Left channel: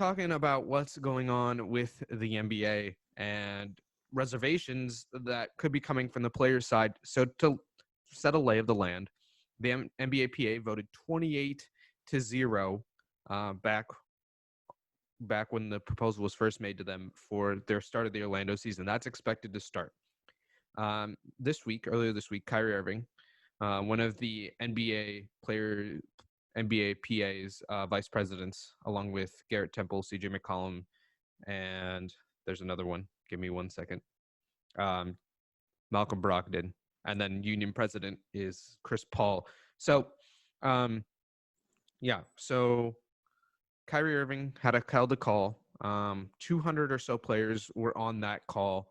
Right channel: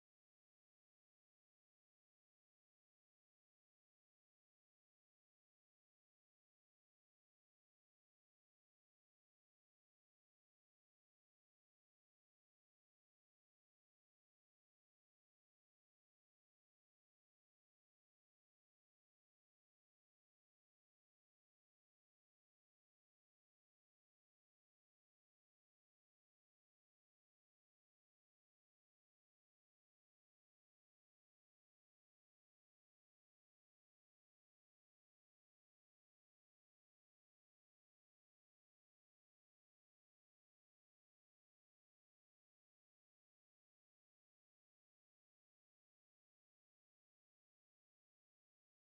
talking about what's going on with the NBA and reservations that could be coming from the players' side. So to set a lay of the land, the NBA PA voted 28-0 back when the proposal was first made to them for their start of the Orlando season. That's expected to start earlier this week. Kyrie Irving, one of the NBA PA's vice presidents, along with Garrett Temple, CJ McCollum, and there's another one. Give me 1 second. Malcolm Brogdon, and then union president is Chris Paul. So, so Kyrie Irving held a call. 200 or so players were on that call,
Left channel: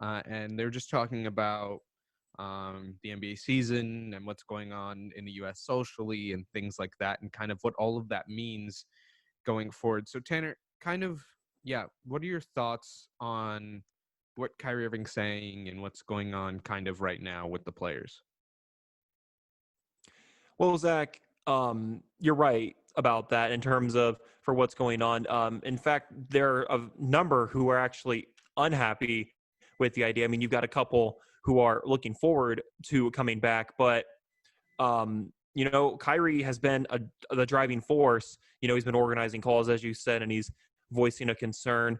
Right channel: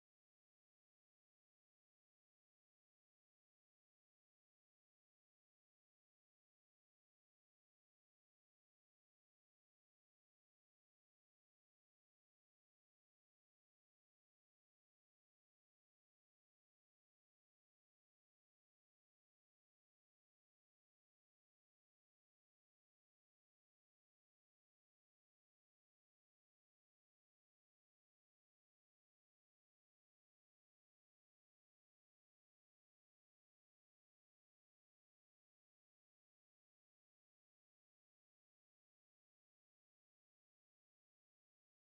and they're just talking about the NBA season and what's going on in the U.S. socially and things like that, and kind of what all of that means going forward. So Tanner, what are your thoughts on what Kyrie Irving's saying and what's going on kind of right now with the players? Well, Zach, you're right about that in terms of for what's going on. In fact, there are a number who are actually unhappy with the idea. I mean, you've got a couple who are looking forward to coming back, but Kyrie has been the driving force. He's been organizing calls, as you said, and he's voicing a concern.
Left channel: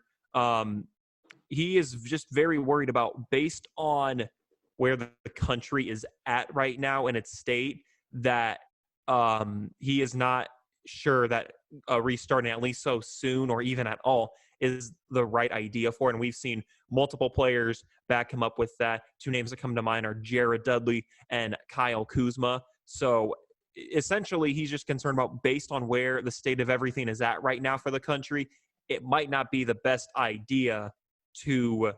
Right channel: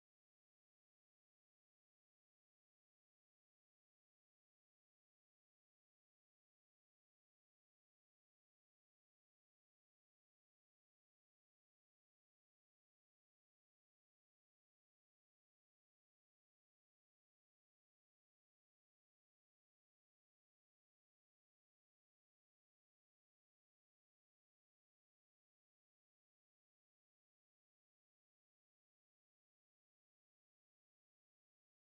He is just very worried about, based on where the country is at right now in its state, that he is not sure that restarting at least so soon or even at all is the right idea for it. And we've seen multiple players back him up with that. Two names that come to mind are Jared Dudley and Kyle Kuzma. So essentially, he's just concerned about, based on where the state of everything is at right now for the country, it might not be the best idea to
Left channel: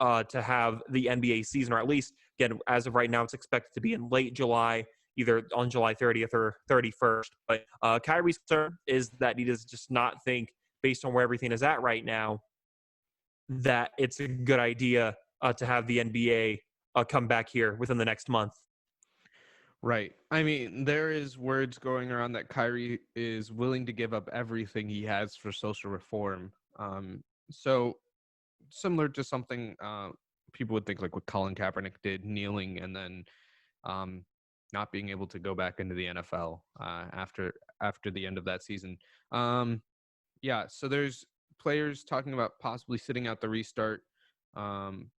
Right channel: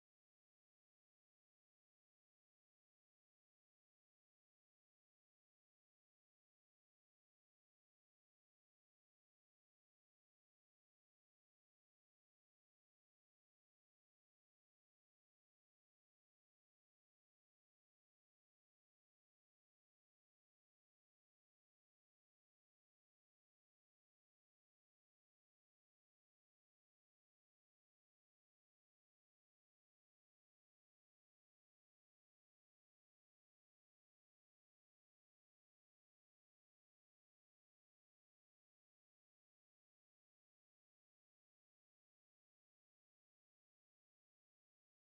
have the NBA season, or at least, again, as of right now, it's expected to be in late July, either on July 30th or 31st. But Kyrie's concern is that he does just not think, based on where everything is at right now, that it's a good idea to have the NBA come back here within the next month. Right. I mean, there is words going around that Kyrie is willing to give up everything he has for social reform. So similar to something people would think like what Colin Kaepernick did, kneeling and then not being able to go back into the NFL after the end of that season. So there's players talking about possibly sitting out the restart.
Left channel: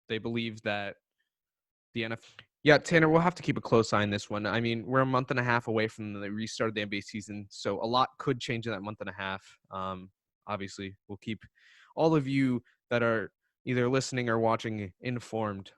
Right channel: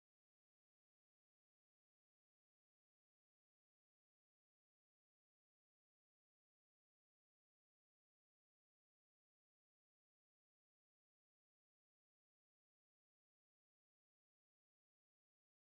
They believe that the NFL. Yeah, Tanner, we'll have to keep a close eye on this one. I mean, we're a month and a half away from the restart of the NBA season, so a lot could change in that month and a half. Obviously, we'll keep all of you that are either listening or watching informed.